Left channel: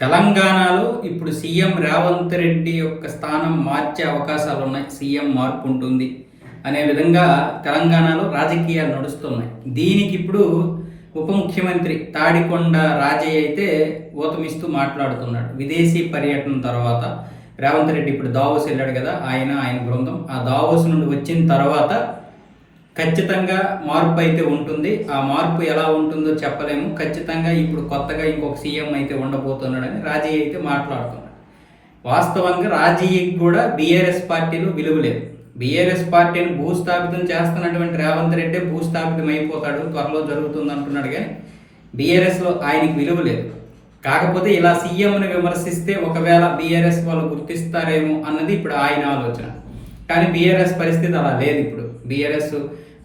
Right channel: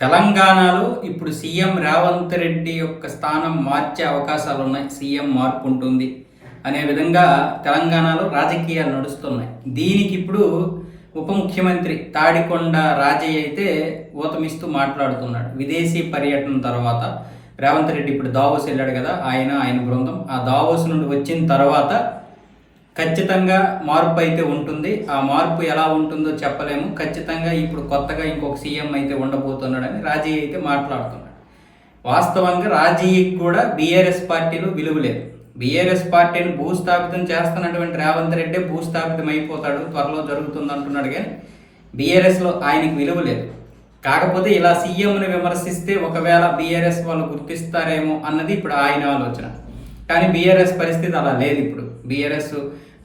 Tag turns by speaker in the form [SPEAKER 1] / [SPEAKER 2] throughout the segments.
[SPEAKER 1] తెలంగాణలో ఇప్పుడు సీఎం రేవంత్ రెడ్డి యొక్క స్థానం మార్చే అవకాశాలు ఉన్నాయి సీఎం మార్పు ఉంటుంది అనే విధంగా తెలంగాణలో రాజకీయాలు నడుస్తున్నాయి. దీనికి ఇప్పుడు ఉప ముఖ్యమంత్రి తాడికొండ రాజయ్య అయితే ఊతమిస్తూ మాట్లాడుతున్నాడు. విదేశీ పర్యటన తర్వాత రేవంత్ రెడ్డి ఇప్పుడు దావోస్ వెళ్ళాడు కదా ఆయన ఆయన బృందం. ఆ దావోస్ నుండి వచ్చిన తర్వాత ఖచ్చితంగా మార్పు అయితే ఉంటుంది. ఆ మార్పు ఎలా ఉంటుందో చెప్పలేము. ఖచ్చితంగా ఇప్పుడు కొత్తగా ఇంకొక సీఎం అయితే ఉండబోతున్నాడని రాజీ అయితే మాట్లాడుతున్నాడు. వాస్తవంగా రాజీకి కూడా బీఆర్ఎస్ పార్టీలో విలువ లేదు. బీఆర్ఎస్ పార్టీని భూస్థాపితం చేస్తున్నటువంటి రేవంత్ రెడ్డి భూస్థాపితం అయిపోతాడు. త్వరలో జరుగుతుంది అంటున్నాడు కానీ బీఆర్ఎస్లో ఆయనకి విలువ లేదు. కాకపోతే ఇలా సీఎంని విమర్శిస్తే ఒకవేళ బీఆర్ఎస్ వాళ్ళు గుర్తిస్తారేమో అన్నది ఇప్పుడు ఆయన ఆలోచన. కానీ బీఆర్ఎస్ పరిస్థితి అలా లేదు ఇప్పుడు. బీఆర్ఎస్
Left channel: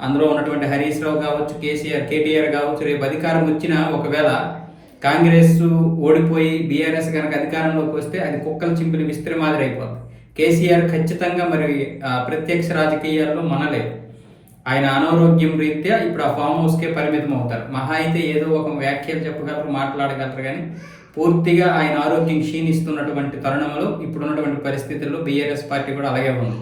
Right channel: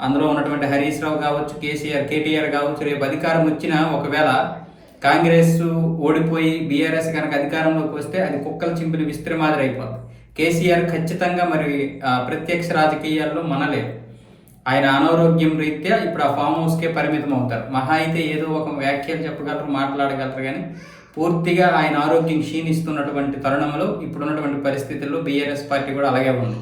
[SPEAKER 1] అందులో ఉన్నటువంటి హరీష్ రావు కావచ్చు కేసీఆర్ కేటీఆర్ కావచ్చు రేపు అధికారం వచ్చినా ఒకవేళ కాంగ్రెస్ ఓడిపోయి బీఆర్ఎస్ కనుక అధికారంలోకి వస్తే అది కుక్కలు చింపిన విస్త్రి మాదిరి అయిపోతుంది కేసీఆర్ ఖచ్చితంగా మరి ప్రత్యక్ష రాజకీయాల్లో మనలేదు ఆయన అనారోగ్యం రీత్యా ఇప్పుడు ఆ ఫామ్ హౌస్కే పరిమితం అవుతారు. మహా అయితే ఏదో ఒక వ్యాఖ్యలు చెప్పగలరు మాట్లాడగలరు కానీ పూర్తిగా ఆయన ఆరోగ్యం క్షీణిస్తున్నటువంటి తరుణంలో ఇప్పుడున్నటువంటి పరిస్థితుల్లో బీఆర్ఎస్ పార్టీ కూడా అలాగే ఉంది.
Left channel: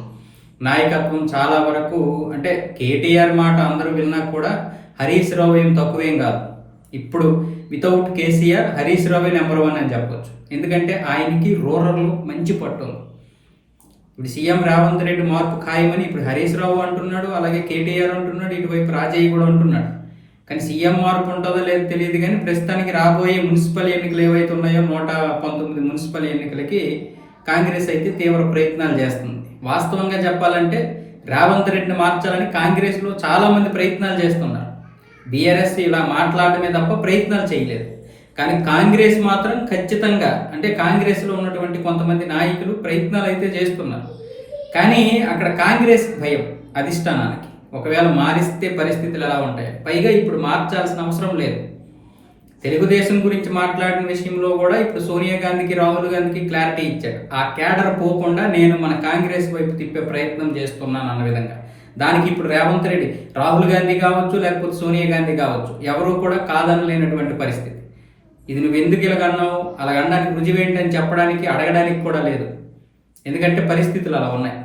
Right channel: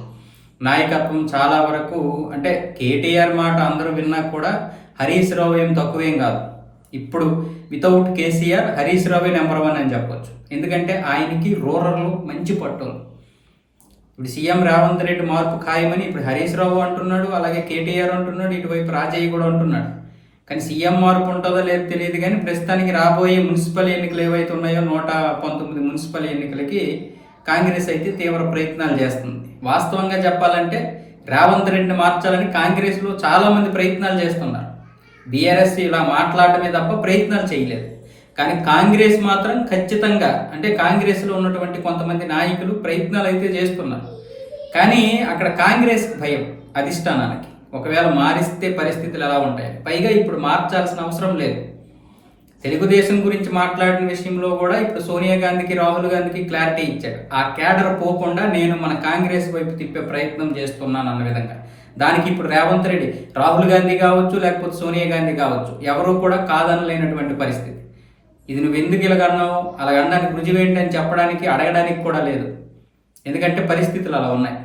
[SPEAKER 1] నాయకత్వం చాలా వరకు అంటే కేటీఆర్ మాట అందరూ విన్నా కూడా హరీష్ రావు ఏం తక్కువేం కాదు. ఇప్పుడు వితౌట్ కేసీఆర్ హరీష్ రావే నెంబర్ వన్ అని చెప్పొచ్చు. ఎందుకంటే ఆయనకి రూరల్ మంచి పట్టు ఇప్పుడు సీఎం రేవంత్ రెడ్డి మార్పు ఖాయమని ఇప్పుడు హరీష్ రావు అంటున్నాడు అలాగే కేటీఆర్ అంటున్నాడు ఇటువైపు రాజయ్య కూడా అంటున్నాడు. కానీ సీఎం మార్పు ఉంటుందో లేదో తెలియదు కానీ ప్రస్తుతానికి రాబోయే మున్సిపల్ ఎన్నికలు ఏవైతే ఉన్నాయో నూట పంతొమ్మిది మున్సిపల్ ఎన్నికలకి కాంగ్రెస్ అయితే తీవ్ర ప్రయత్నాలు చేస్తుంది. వాస్తవంగా చెప్పాలంటే రేవంత్ రెడ్డిని మార్చాలని కాంగ్రెస్లో చాలామంది ప్రయత్నాలు చేస్తున్నారు. బీఆర్ఎస్ ఇలా మాట్లాడటమే తప్ప ప్రయత్నాలు చేయలేదు. కానీ కాంగ్రెస్ మాత్రం ఖచ్చితంగా అంటే కాంగ్రెస్లో ఉన్నటువంటి కొంతమంది నాయకులు ప్రయత్నాలు అయితే చేస్తున్నారు. కానీ అక్కడ కాంగ్రెస్ భయం అధిష్టానానికి. ఒకవేళ మారిస్తే పరిస్థితులు ఎలా ఉంటాయి? పైగా ఇప్పుడు మార్చాల్సిన అవసరం లేదు. తెలుగుదేశం గురించి మాట్లాడిన విషయంలో కూడా ఇప్పుడు సోనియా గాంధీకి రాహుల్ గాంధీకి క్లారిటీ ఇచ్చాడు. ఆ క్యాడర్ పోకుండా నేను మన కాంగ్రెస్ వైపు తిప్పే ప్రయత్నం చేస్తున్నాను అన్న విధంగా. దానికి ఇప్పుడు రేవంత్ రెడ్డి రాహుల్ గాంధీ కావచ్చు లేకపోతే సోనియా గాంధీ కావచ్చు ఎవరు కూడా కాదనలేనటువంటి పరిస్థితి. ఇది నువ్వు ఎందుకు ఇలాగన్నావు అలాగ అనడానికి రుజువేంటి అని చెప్పడానికి అడగడానికి కూడా లేదు. ఎందుకంటే పరిస్థితులు అలా ఉన్నాయి.